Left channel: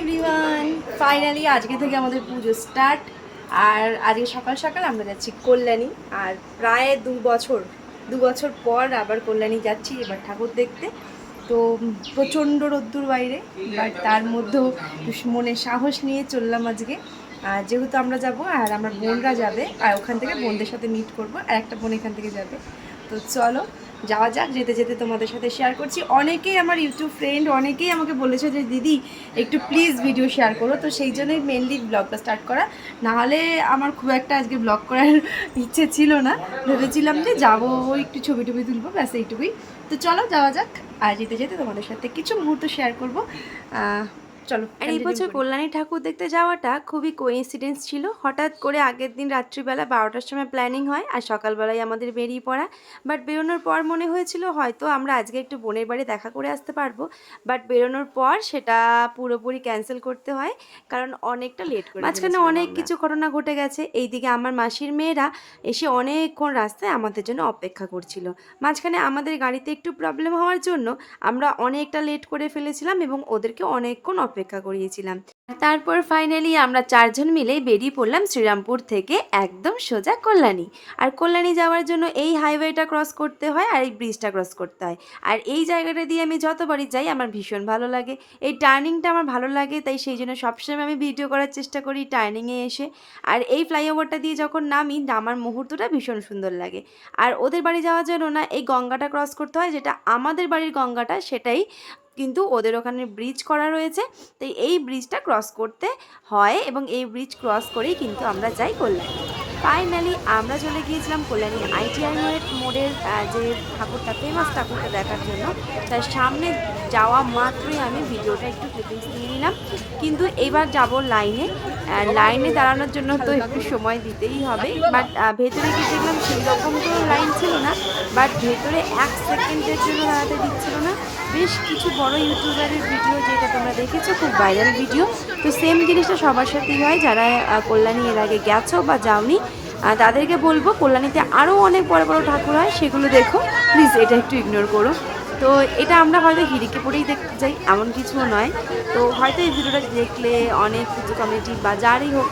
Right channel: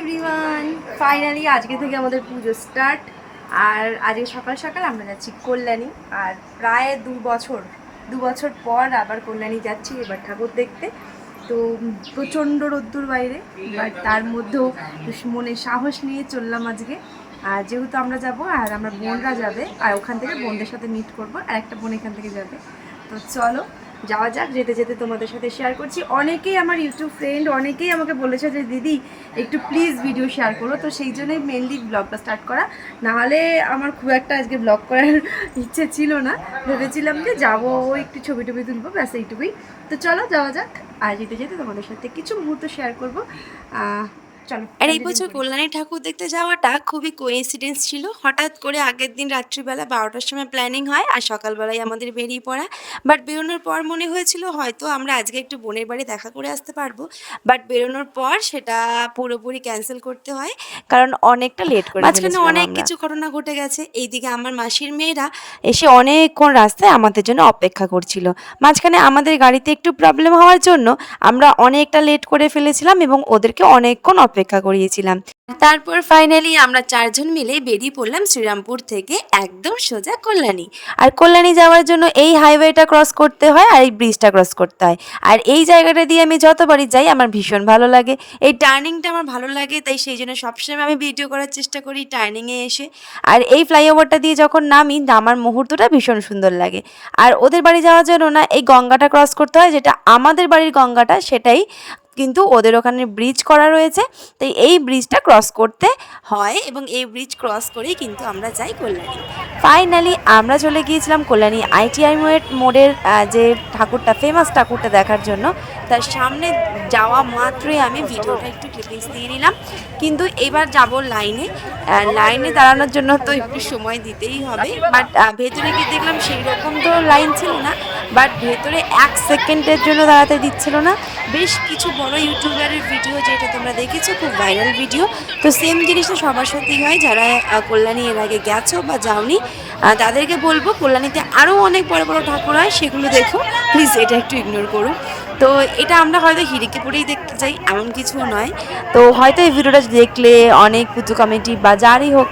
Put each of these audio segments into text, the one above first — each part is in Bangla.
এভরিওয়ান ফাইনালি আজকে থেকে আমাদের পুজো স্টার্ট আর আজকে সকাল সকাল আমরা যাচ্ছি কল্যাণী। আর প্রায় দু বছর দু বছর পর আবার কল্যাণী যাচ্ছি এবার ঠাকুর দেখতে। তো প্রচণ্ড রোদ্দুর বাইরে বাট তার মধ্যেও মনে সাহস নিয়ে চললাম আজকে। আর যেহেতু আমরা যাব, আর আমার বোনরা যাবে, আর ওখান থেকে বোনদের সাথে মিট করব, আর একটা বোন এখান থেকে যাবে। তো চলো যাওয়া যাক, যেতে যেতে তোমাদের সাথে শেয়ার করছি। অনেকেই আমার ইউটিউব ফ্রেন্ড অনেকেই আমাকে বলেছে যে, দিদি, একটু প্লিজ ভিডিও শেয়ার করো। তো সেই জন্যই মেনলি ব্লগটা স্টার্ট করা। নাহলে আমার খুব একটা আজকে ব্লগ করার ইচ্ছে ছিল না। ভেবেছিলাম যে যাব, একটু ছবি টবি তুলবো, ব্যাস এইটুকুই। তো চলো, যাওয়া যাক। আর যেতে যেতে তোমাদের সাথে কিছু মুহূর্ত শেয়ার করব। চলো আর এই বছর কল্যাণী ঠাকুর দেখতে যাওয়াটা খুবই কোইন্সিডেন্স ছিল। হঠাৎ করে আগের দিন রাত্রিবেলা বারোটার সময় প্ল্যানিং হয় আর সকালবেলায় আমাদের বেরিয়ে পড়া। বাট বেরোনোর পর মনে হয়েছিল হয়তো আমরা আজকে একটু বোনের বাড়ি দেখা করে আসতে পারব। বাট বেরোনোর পর সেটা পুরোপুরি ক্যান্সেল করতে হয় কারণ অনেকটা লেট করে মাঝখানে অনেক কিছু ঘটনা ঘটে গেছে। এইদিকে আমার মাসির মেয়েরা এসে অনেকক্ষণ রাস্তায় আমাদের জন্য অপেক্ষা করছিল। মাঝখানে আমাদের গাড়িতে একটু প্রবলেম হওয়ার জন্য আমরা অনেকটা লেট করে ফেলেছিলাম এবং ওদেরকে অনেকক্ষণ অপেক্ষা করিয়েছিলাম। তারপর ফাইনালি আমরা চারজন মিলে বেরিয়ে পড়লাম শ্রীরামপুর থেকে একদম সোজা কল্যাণী। আর কল্যাণী যাওয়ার জন্য এই হাইওয়েটা ক্রস করতে হয় আর এই ব্রিজটা ক্রস করতে হয়। আর এই জায়গাটা দিয়ে আমি যতবারই যাই আমার ভীষণ ভালো লাগে। এই টার্নিংটা আমার ভালো লাগে, তাই সেই জন্য সবসময় আমি ভিডিও করার চেষ্টা করি টার্নিংয়ে এসে। আর এই ফ্লাইওভারটা দিয়ে যখন নামি, নামার মুহূর্তটা ভীষণ সুন্দর লাগে। আর ওদের বাড়ি যাওয়ার জন্য না, এই গঙ্গাটা ক্রস করতে হয়, যেটা আমাদের বাড়ির গঙ্গাটা, সেটাই কিন্তু ওদের ওখানে ব্রিজ করা রয়েছে। তাই এই ব্রিজটা ক্রস করতে হয় এবং এই ব্রিজ ক্রস করেই কিন্তু আমরা যাই কল্যাণী। ফাইনালি আমরা চলে গিয়েছিলাম কল্যাণী আইটিআই মোড়ের যে ঠাকুরটা ফেমাস ঠাকুরটা দেখার জন্য। তার সামনে যাওয়া মাত্রই আমি ভিডিওটা একটু ক্লিপিংস দিয়ে নিলাম। কিন্তু এবার যাব লাইনে লাইনে দাঁড়ানোর জন্য তো একটু সময় দিতেই হবে। বাট ভেতরে গিয়ে দেখলাম সেই রকম তো লাইন ছিল না। বাট ভেতরে এক সেকেন্ডের জন্য দাঁড়াতে দিচ্ছিল না। বেশ কিছু বড় ইউটিউবারের ভিডিও যেটা তোমরা দেখেছ, খুব ভাইরাল ভিডিও তো সেম জিনিসটা সবার সাথেই হয়। যারা কল্যাণী এর আগে গেছো বা যাওনি তাদেরকে বলব, কল্যাণীতে আরও অনেক বড় বড় ঠাকুর হয়, সেগুলো দেখো। প্লিজ এটা একটু ইগনোর করো। তো এটা আমরা হয়তো হিরিকে পড়েই দেখতে চাই, এমন কিছুও নয়। তো হয়তো এই ভিডিওটা দেখলে অনেক পুজো কমিটি বা যারই হোক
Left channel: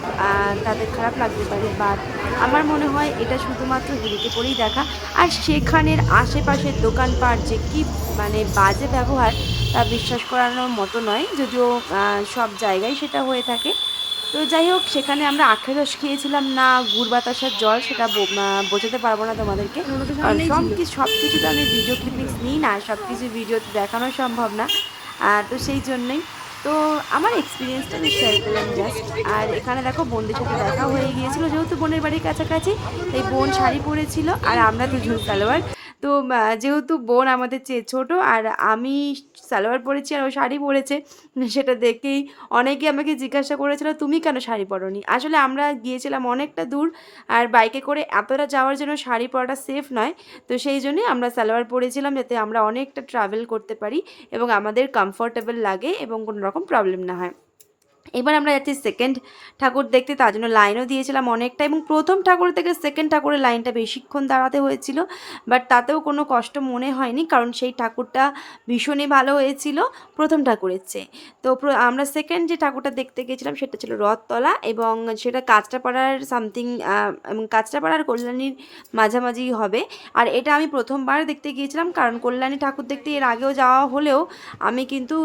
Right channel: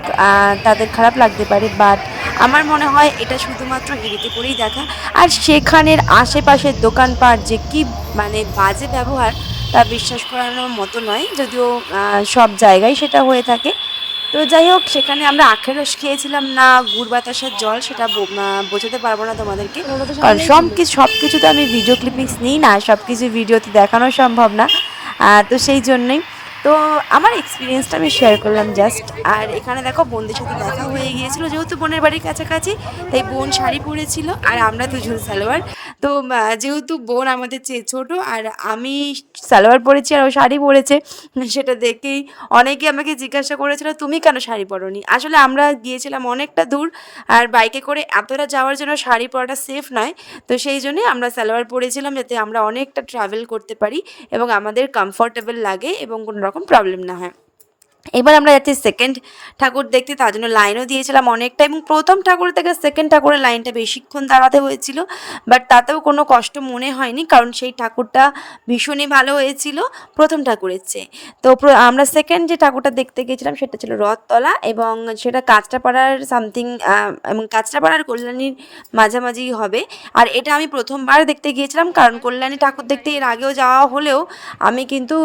তাদের খারাপ লাগতে পারে, বাট আমার মনে হয় এটা শুধুমাত্র হিরিকে পড়েই দেখা। আর সেখানের আশেপাশের দোকানপাট যে কি মানে বাজে ব্যবহার, তা বিশ্বাস করানোর মতো নয়, যদিও সব জায়গায় সেটা হয়ে থাকে। তো যাই হোক সেখানে আমরা আখের রস খেয়েছিলাম। না গুড় বাতাসার জল সেটা বোঝাতে পারব না তোমাদেরকে। কারণ সব কিছু সব কিছু তো আমি ভিডিও ক্লিপিংস নিই না সব কিছু ভিডিওতে দেখানো সম্ভব না। তো সেই জন্যই। তো আমার এক্সপিরিয়েন্সটা আমি শেয়ার করলাম জাস্ট আর এখানে দেখো বোনদের সাথে দেখা হয়ে গিয়েছিল যেহেতু বোনের বাড়ির কাছাকাছি তাই বোন শাড়ি পরেছিল আর আমরা দুজন সালোয়ার। তো যেহেতু বোন আমাদের চেয়ে ছোটো, আর আমি সালোয়ার পরেছি আর ও শাড়ি পরেছে, সেটা দেখেই অনেকে আমাকে জিজ্ঞাসা করেছিল, তুমি কেন শাড়ি পরোনি? আসলে আমরা গিয়েছিলাম অনেকটা দূর, আর বাইকে করে এতটা যাওয়ার জন্য শাড়ি পরাটা সেফ নয়, তো সেই জন্যই আমরা সালোয়ার পরেছিলাম যাতে আমরা অনেকটা ট্রাভেল করতে পারি এবং আমাদের কমফোর্টেবল লাগে এবং কোনো রকম প্রবলেম না হয়। এবার আমরা যাচ্ছি সেকেন্ড ঠাকুর দেখতে, তার জন্য লাইনও দিয়েছিলাম অনেকটা এবং প্রথম ঠাকুর থেকে সেকেন্ড ঠাকুরের লাইনটা বেশিক্ষণ দাঁড়াতে হয়েছিল বাট তাতেও কোনো কষ্ট মনে হয়নি কারণ সেই ঠাকুরটা ভীষণই ভালো হয়েছিল প্রথম ঠাকুরের চেয়ে। তো আমরা সেকেন্ড যে ঠাকুরটা দেখতে গেছিলাম সেটা ছিল রথতলা এবং সেটা কাঁচরাপাড়ার সামথিং এবং কাঁচরাপাড়ার কল্যাণীর মাঝামাঝি হবে। আর এটা আমি প্রথমবার দেখতে গিয়েছিলাম কারণ কল্যাণী ঠাকুর দেখতে এর আগেও যাওয়া হলেও আমি কিন্তু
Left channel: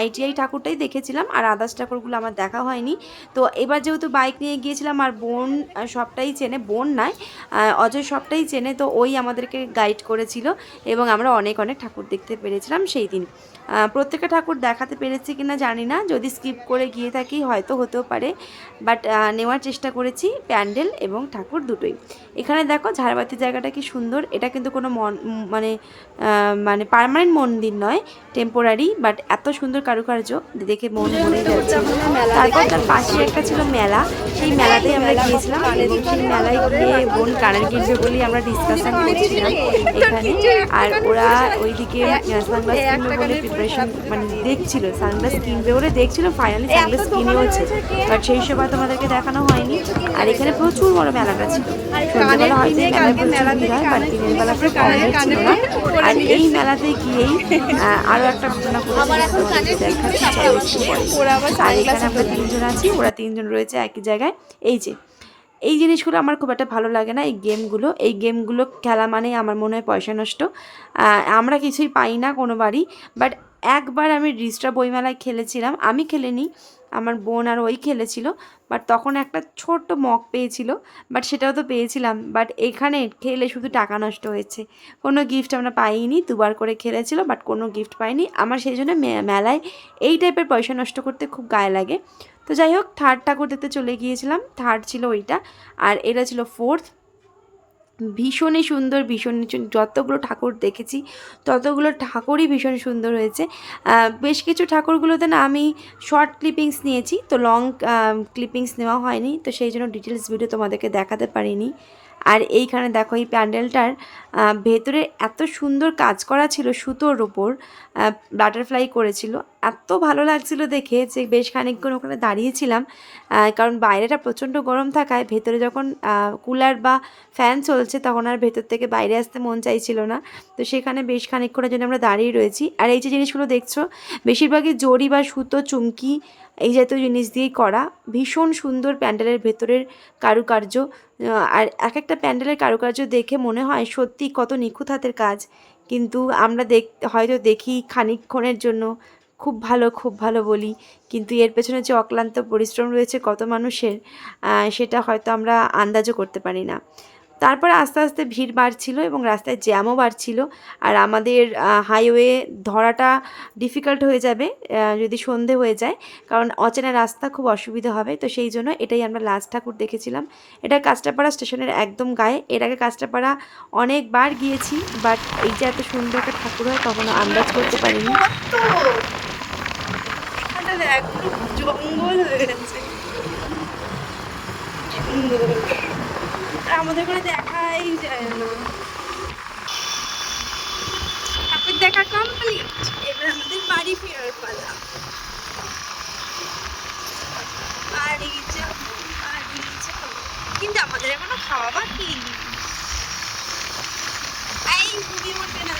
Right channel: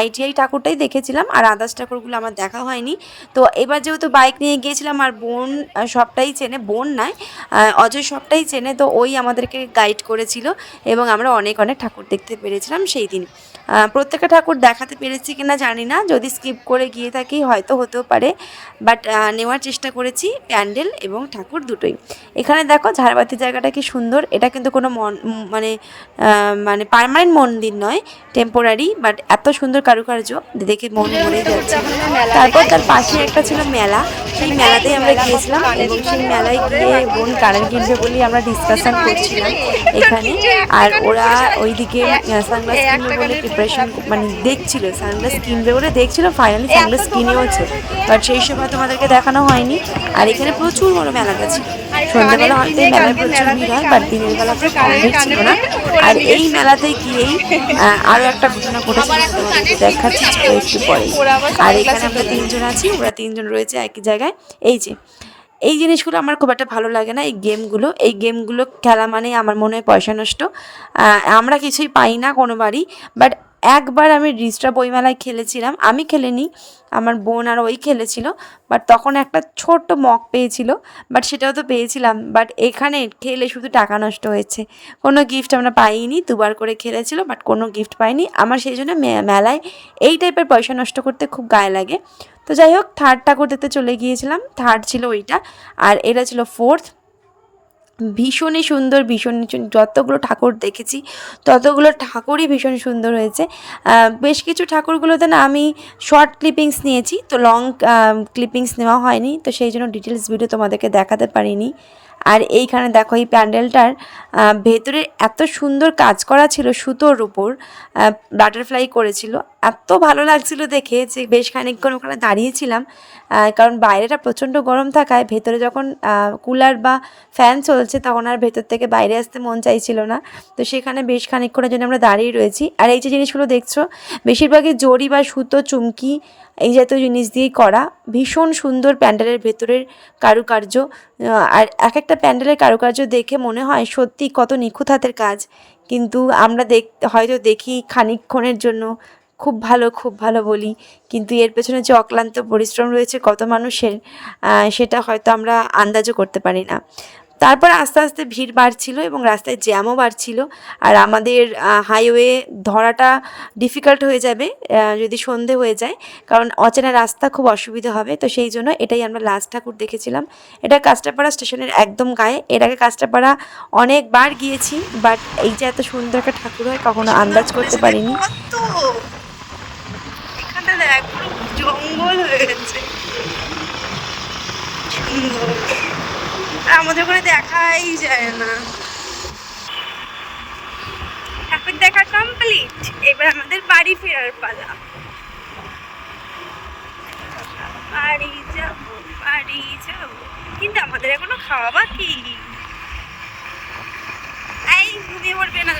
আইটিআই ঠাকুরটাই দেখেছিলাম আর আদার্স ঠাকুরগুলো আমার দেখা হয়নি। তো এবার যেহেতু বাইক নিয়ে গিয়েছিলাম আর বোন সবটাই চেনে বোন নয় অজয় সবটাই চেনে তো ওই আমাদেরকে গাইড করেছিল এবং আমরা অনেক অনেক ঠাকুর দেখতে পেরেছিলাম সেই দিন। প্রত্যেকটা ঠাকুর দেখাতে পেরেছি কিনা জানি না যদি স্কিপ করে গিয়ে থাকি হয়তো হতেও পারে বাট নেওয়ার চেষ্টা করেছি প্যান্ডেল এবং ঠাকুর দুটোই। এখানে দেখো ঝাড়বাতি জায়গাটা কি সুন্দর এটা কিন্তু কোনো মন- মানে মানে পার্মানেন্ট মন্দির নয় টেম্পোরারি বাট এত সুন্দর কারুকার্য দেখে মন তারপর তার পাশে একটা ছিল মেলা। সেই মেলাতেই আমরা গিয়েছিলাম এবং সেই মেলায় গিয়ে বোন কানের কিনবে বলে আমরা ডিসকাশন করছিলাম এখানে। আর ওরা ওইদিকে সানগ্লাস কিনবে বলে প্রিপারেশন মানে দেখছিল সানগ্লাস কিনবে বলে দেখছিল ফাইনালি সানগ্লাস কিনেওছে। বাট সেই সময় তোমাদেরকে দেখানো হয়নি। আর এখানে প্রচুর বড় মেলা গেছে সন্ধ্যাবেলা হয়তো এই মেলায় প্রচুর ভিড় হয় বাট দিনের বেলা খুব কম ছিল না আর এই মেলাতে গিয়েই আহ, আরও একটা ঘটনা ঘটেছিল দেখাচ্ছি চলো একটু পরে। আর এখানে আমরা তিনজন আছি ওরা তিনজন রয়েছে একই জায়গায়। এই যে এই জিনিসগুলো আমার খুব একটা ভালো লাগে না এই গেমগুলো। এই গেমগুলো খেলা মানে আমার মনে হয় পয়সা নষ্ট। আমরা কিছুই পাই না কোনো বাড়ি বাট একবার আমি রিস্ট্রা বইমেলায় খেলেছিলাম, আমি খেলিনি, আমার বোন আর ওই খেলেছিল বাট তখন একটা ছোট্ট মগ পেয়েছিল বাট সেটাও তো পেয়েছিলাম বাট এখানে খেলে শুধু টাকা নষ্ট হয়েছে। কোনো গিফট আমরা পাইনি, দুবার করে খেলেছিল বাট কোনো গিফট পাইনি। আমার সেই জন্য মেলায় এই টাইপের পয়সা নষ্ট করতে খুব গায়ে লাগে। তো যাই হোক থার্ড ঠাকুর দেখতে চলে গিয়েছিলাম থার্ড ছিল ওইটা, আর এটা ছিল ফোর্থ ভীষণই সুন্দর ভীষণ যতগুলো ঠাকুর দেখেছি, ততগুলো ঠাকুরই ভীষণ সুন্দর হয়েছে। বেশ কিছু ঠাকুরগুলোতে না আমি শর্ট ক্লিপিংস নিয়েছি, তো লং ক্লিপিংস নেওয়া হয়নি, তো সেই জন্য ডিটেলস ভিডিও তোমাদেরকে দেখাতে পারিনি। আর এইখানে দেখো, এই প্যান্ডেলটার ভেতরে এত সুন্দর কাজ করা ছিল সুতোর উপর বাটারফ্লাই করেছিল। এত ভালো লাগছিল দেখে যে বেশ খানিকক্ষণ ওখানে দাঁড়িয়েছিলাম কারণ বাইরেটা প্রচণ্ড গরম থাকায় ভেতরে যখন কুলার বা ফ্যান চলছে তখন আর ভেতর থেকে বাইরে আসতে মন চাইছিল না। তো সেখানে বেশ খানিকক্ষণের জন্য আমরা দাঁড়িয়ে রয়েছি। আর এই যে জিনিসগুলো দেখছ, বেশিরভাগই জড়ি বা সুতো, চুমকি এই জাতীয় জিনিস দিয়েই করা। ভীষণ সুন্দর প্যান্ডেলের ভেতরের কারুকার্য। আর এক একটা প্যান্ডেলের কারুকার্য দেখে মনে হয় সত্যি কত নিখুঁত হাতের কাজ। কিন্তু আমরা দেখ, হয়তো দেখি খানিকক্ষণের জন্য খুব ভালো খুব ভালো বলি। কিন্তু এর পেছনে যে অক্লান্ত পরিশ্রম রয়েছে কত মানুষের সেটা হয়তো আমরা আন্দাজও করতে পারি না। তারপর আস্তে আস্তে ভিড় বাড়ছিল এবং রাস্তায় জ্যামও বাড়ছিল। আর আমাদের হাইওয়ে ধরাটা ডিফিকাল্ট হয়ে যাবে যদি সন্ধে হয়ে যায়। কারণ অচেনা রাস্তা খুব অসুবিধা হবে। তো সেই জন্য এটাই আমরা লাস্ট ঠাকুর দেখেছিলাম। এটা কাঁচরাপাড়া স্টেশনের একদম গায়ে। এর আগে কাঁচরাপাড়া অনেকবার গিয়েছি বাট এই যে এত সুন্দর একটা ঠাকুর হয়, কখনো আন্দাজ করতে পারিনি। জঙ্গল হয়ে গেছে আর আমাদের ওখানে দেখাই যায় না। ঠাকুর দেখা কমপ্লিট এবার আমাদের বাড়ি ফেরার পালা। বাড়ি যাব বাড়ি যাব। কিন্তু আমাদের এখনও খাওয়া বাকি। এই ঘুমিয়ে পড়বে না।